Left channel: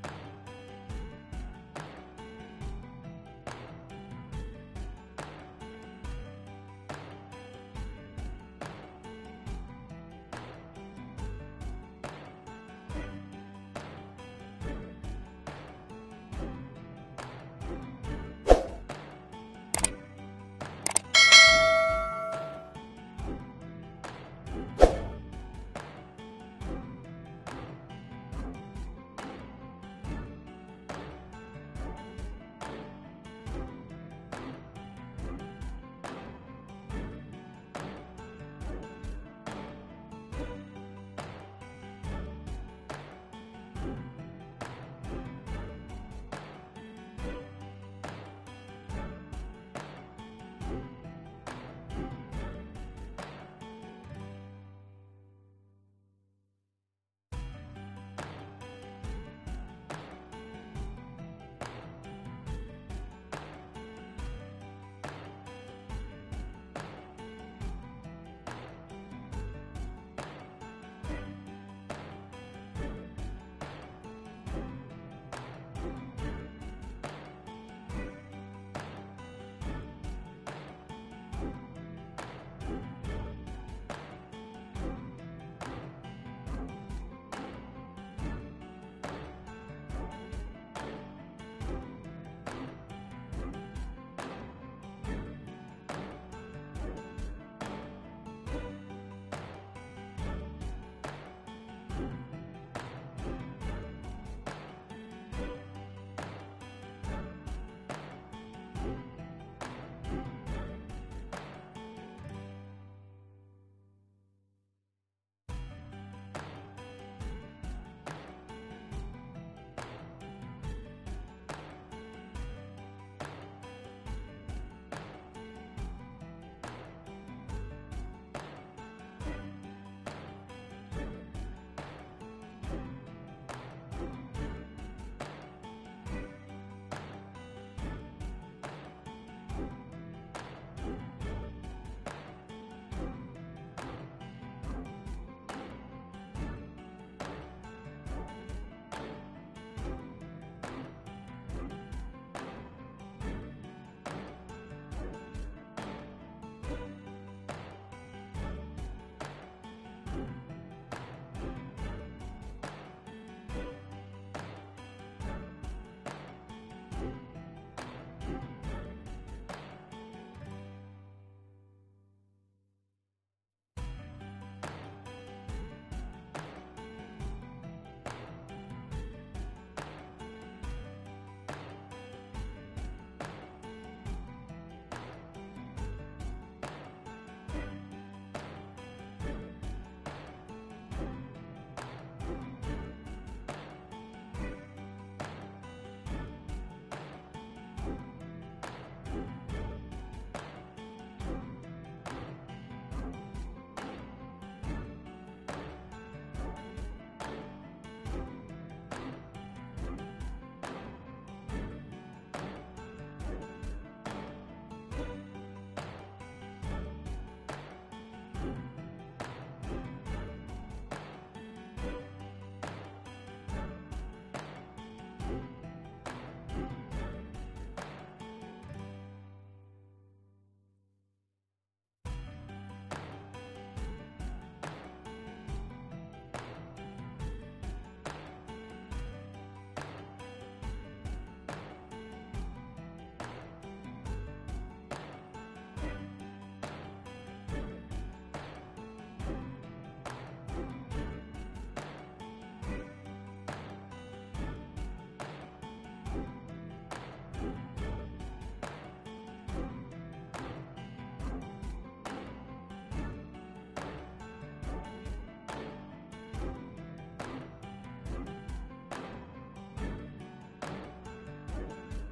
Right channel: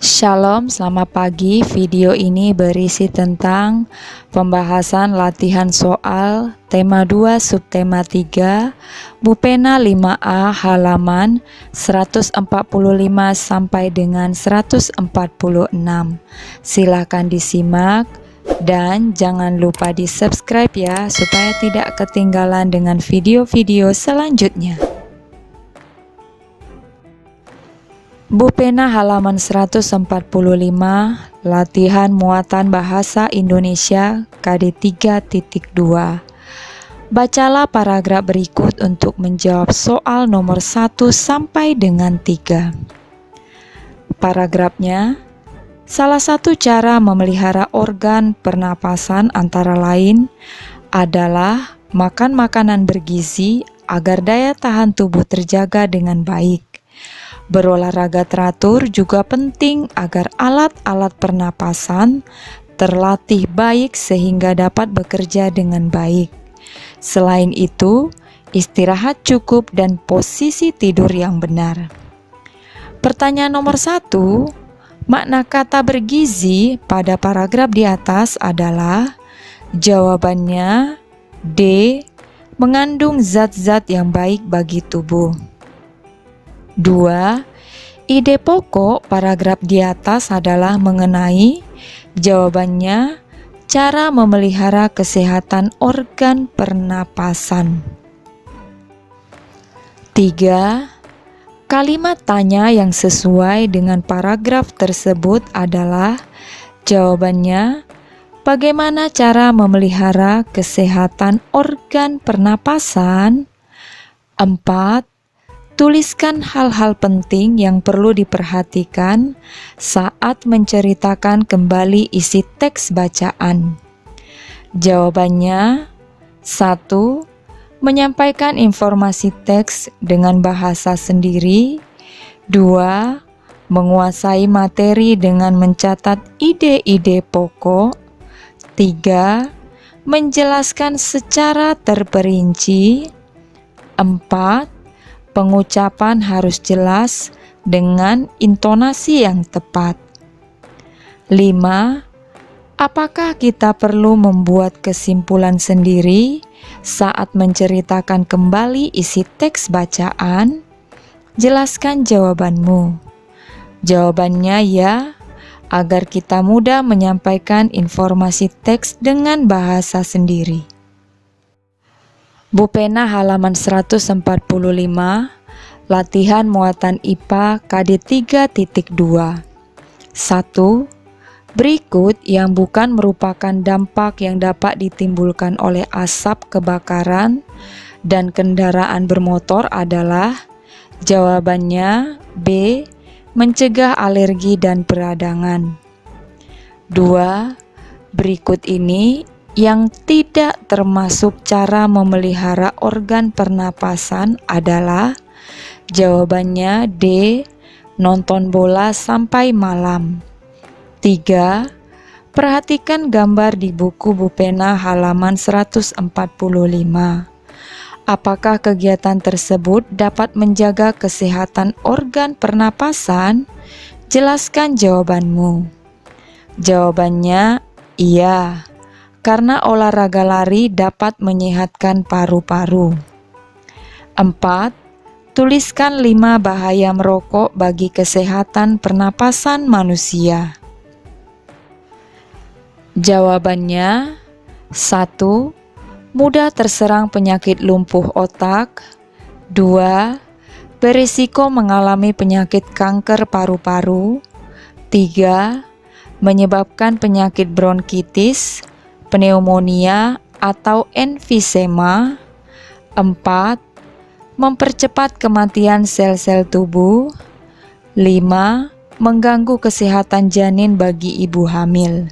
Shalom, selamat pagi. Video ini berisi tentang pembahasan latihan soal tema 2 subtema 3 Bupena 5A halaman 145 sampai dengan 146. Silakan disimak dan jangan lupa di-subscribe ya supaya tidak ketinggalan dengan video-video selanjutnya. Bupena halaman 145, latihan muatan bahasa Indonesia KD 3.2. Bacalah paragraf berikut untuk menjawab soal nomor 1 sampai dengan 3. Paragrafnya, salah satu cara memelihara organ pernapasan antara lain adalah makan makanan bergizi agar daya tahan tubuh terjaga dengan baik. Berolahraga teratur juga penting agar alat-alat pernapasan terlatih baik sehingga dapat bekerja dengan baik. Selain itu, istirahat cukup dan posisi tidur yang benar. Pertanyaan nomor 1, makna kata bergizi pada paragraf di atas adalah jawabannya D. Mengandung zat-zat yang baik bagi tubuh. 2. Ide pokok paragraf di atas adalah mengenai jawabannya cara memelihara kesehatan organ pernapasan. 3. Kalimat tanya yang sesuai dengan paragraf tersebut adalah jawabannya bagaimana cara memelihara kesehatan organ pernapasan. 4. Tuliskan hal-hal penting yang perlu diperhatikan saat menceritakan kembali isi teks bacaan. Jawabannya 1. Menyampaikan informasi teks dengan bahasa sendiri. 2. Menguasai materi dengan mencatat ide-ide pokok. 3. Menjelaskan secara terperinci. 4. Pengucapan harus jelas dengan intonasi yang tepat. 5. Apakah kita perlu membuat kesimpulan sendiri saat menceritakan kembali isi teks bacaan? Jelaskan jawabanmu. Jawabannya ya, agar kita mudah menyampaikan informasi teks dengan bahasa sendiri. Bupena halaman 145, latihan muatan IPA KD 3.2. 1. Berikut yang bukan merupakan dampak yang dapat ditimbulkan oleh asap kebakaran dan kendaraan bermotor adalah jawabannya B. Mencegah alergi dan peradangan. 2. Berikut ini yang tidak termasuk cara memelihara organ pernapasan adalah jawabannya D. Nonton bola sampai malam. 3. Perhatikan gambar di buku Bupena halaman 145. Apakah kegiatan tersebut dapat menjaga kesehatan organ pernapasan? Jelaskan jawabanmu. Jawabannya iya, karena olahraga lari dapat menyehatkan paru-paru. 4. Tuliskan 5 bahaya merokok bagi kesehatan pernapasan manusia. Jawabannya 1. Mudah terserang penyakit lumpuh otak. 2. Berisiko mengalami penyakit kanker paru-paru. 3. Menyebabkan penyakit bronkitis, pneumonia atau emfisema. 4. Mempercepat kematian sel-sel tubuh. 5. Mengganggu kesehatan janin bagi ibu hamil.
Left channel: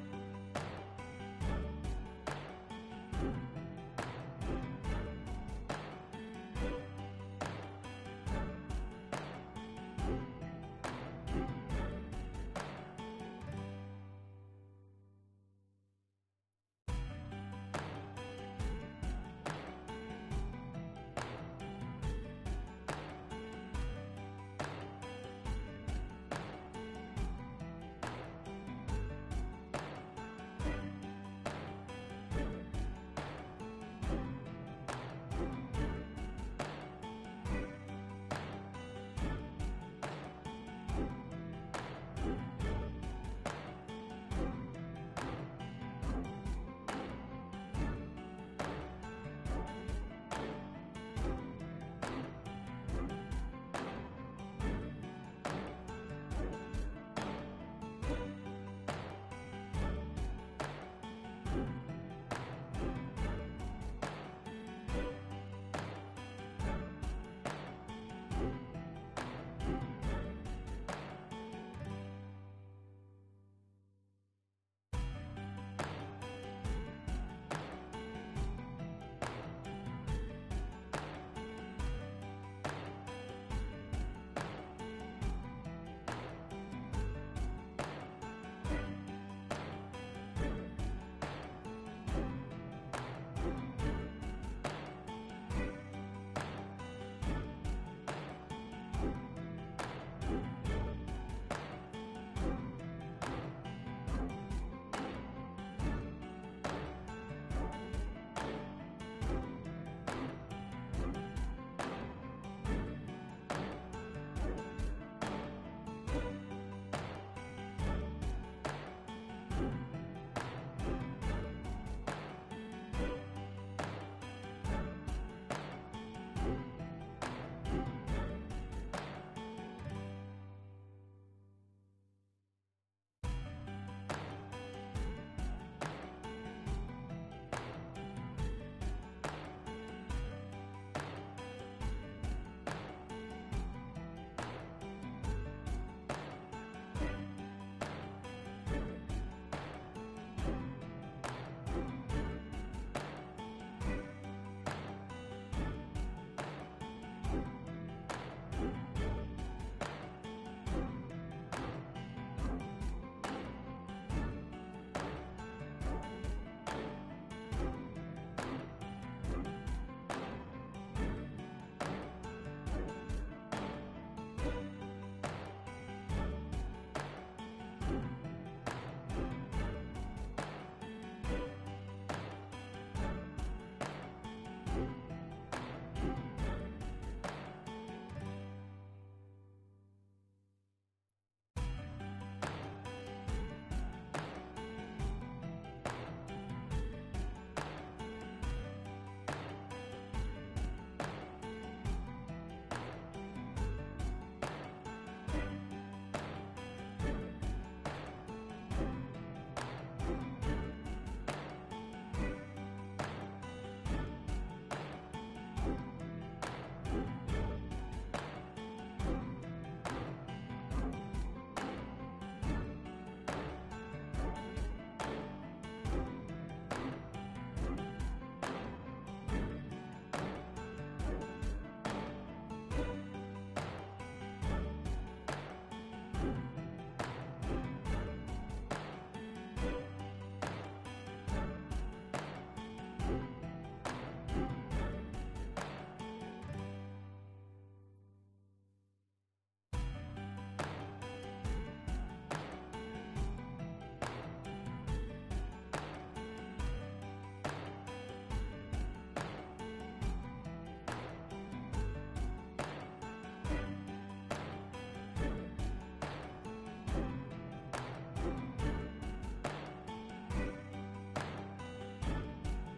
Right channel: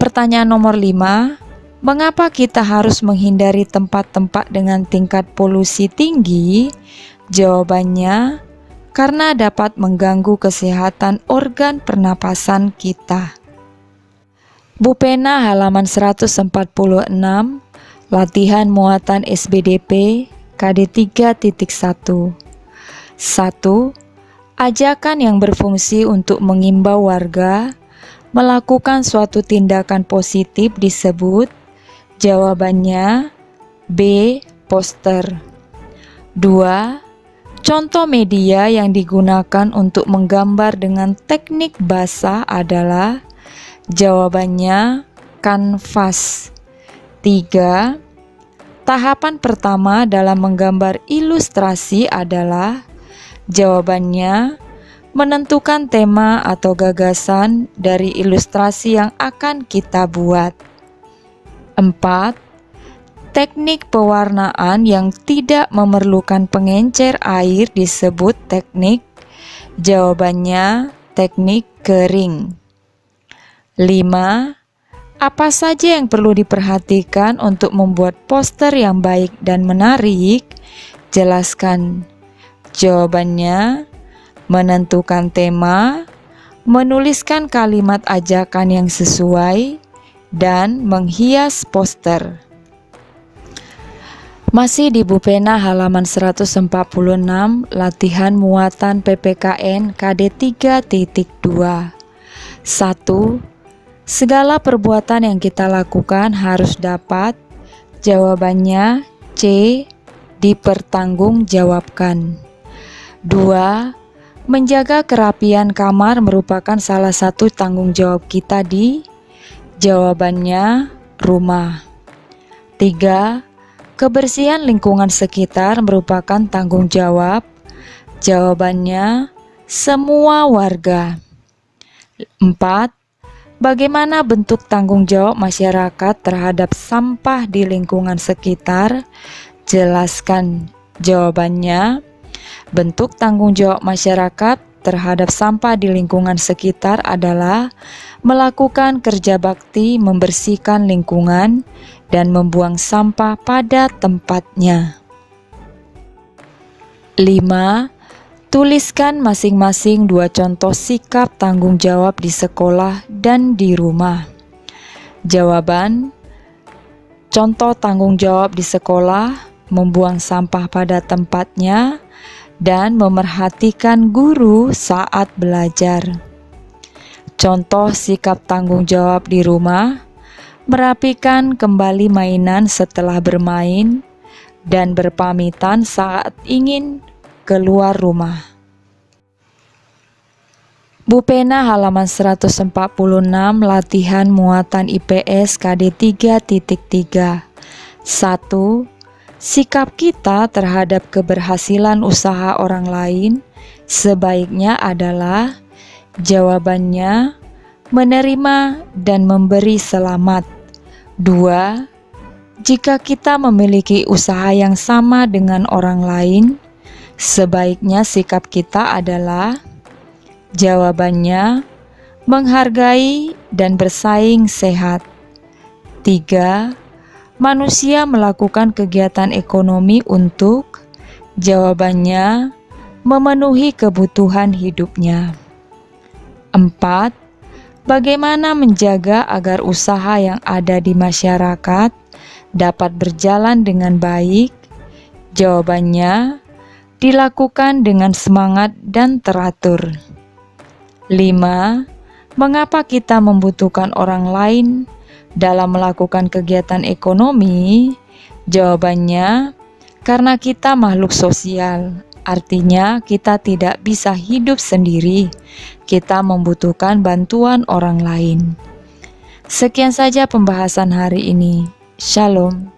Pertanyaan nomor 5. Mengapa kita harus menghindari tempat-tempat dengan tingkat polusi tinggi? Jawabannya, karena dapat mengganggu kesehatan organ pernapasan kita. Bupena halaman 146, latihan muatan SBDP KD 3.1. 1. Ajakan yang berfungsi untuk mengimbau warga melakukan suatu tindakan positif disebut. Jawabannya B. Poster. 2. Contoh media yang digunakan untuk menggambar dengan teknik basah adalah. Jawabannya kanvas. 3. Tahapan pertama dalam menggambar ilustrasi adalah. Jawabannya menentukan tema atau gagasan dari ilustrasi yang akan kita buat. 4. Teknik pewarnaan yang tidak memerlukan pengencer air disebut teknik. Jawabannya teknik kering. 5. Apa saja yang perlu diperhatikan untuk membuat poster yang baik dan menarik? Jelaskan. Jawabannya menentukan tema, menuliskan kalimat ajakan yang sesuai, dan menghias poster. Masih di buku pena halaman 146, latihan muatan PPKN KD 3.2. 1. Segala perbuatan yang kita lakukan harus dapat. Jawabannya C. Dipertanggungjawabkan. 2. Menjaga kerapian kamar merupakan salah satu tanggung jawab kita di. Jawabannya rumah. 3. Kebersihan lingkungan sekitar merupakan tanggung jawab. Jawabannya semua warga. 4. Bagaimana bentuk tanggung jawab masyarakat terhadap sampah di lingkungan sekitar? Jelaskan. Jawabannya, bentuk tanggung jawab masyarakat terhadap sampah di lingkungan sekitar adalah melakukan kerja bakti membersihkan lingkungan dan membuang sampah pada tempatnya. 5. Tuliskan masing-masing 2 contoh sikap tanggung jawab di sekolah dan di rumah. Jawaban: contoh tanggung jawab di sekolah, membuang sampah pada tempatnya, dan memerhatikan guru saat belajar. Contoh sikap tanggung jawab di rumah, merapikan kembali mainan setelah bermain, dan berpamitan saat ingin keluar rumah. Bu pena halaman 146, latihan muatan IPS KD 3.3. 1. Sikap kita terhadap keberhasilan usaha orang lain sebaiknya adalah. Jawabannya menerima dan memberi selamat. 2. Jika kita memiliki usaha yang sama dengan orang lain, sebaiknya sikap kita adalah. Jawabannya menghargai dan bersaing sehat. 3. Manusia melakukan kegiatan ekonomi untuk. Jawabannya memenuhi kebutuhan hidupnya. 4. Bagaimana menjaga agar usaha yang ada di masyarakat dapat berjalan dengan baik? Jawabannya dilakukan dengan semangat dan teratur. 5. Mengapa kita membutuhkan orang lain dalam melakukan kegiatan ekonomi? Jawabannya, karena kita makhluk sosial. Artinya kita tidak bisa hidup sendiri. Kita membutuhkan bantuan orang lain. Sekian saja pembahasan hari ini. Shalom.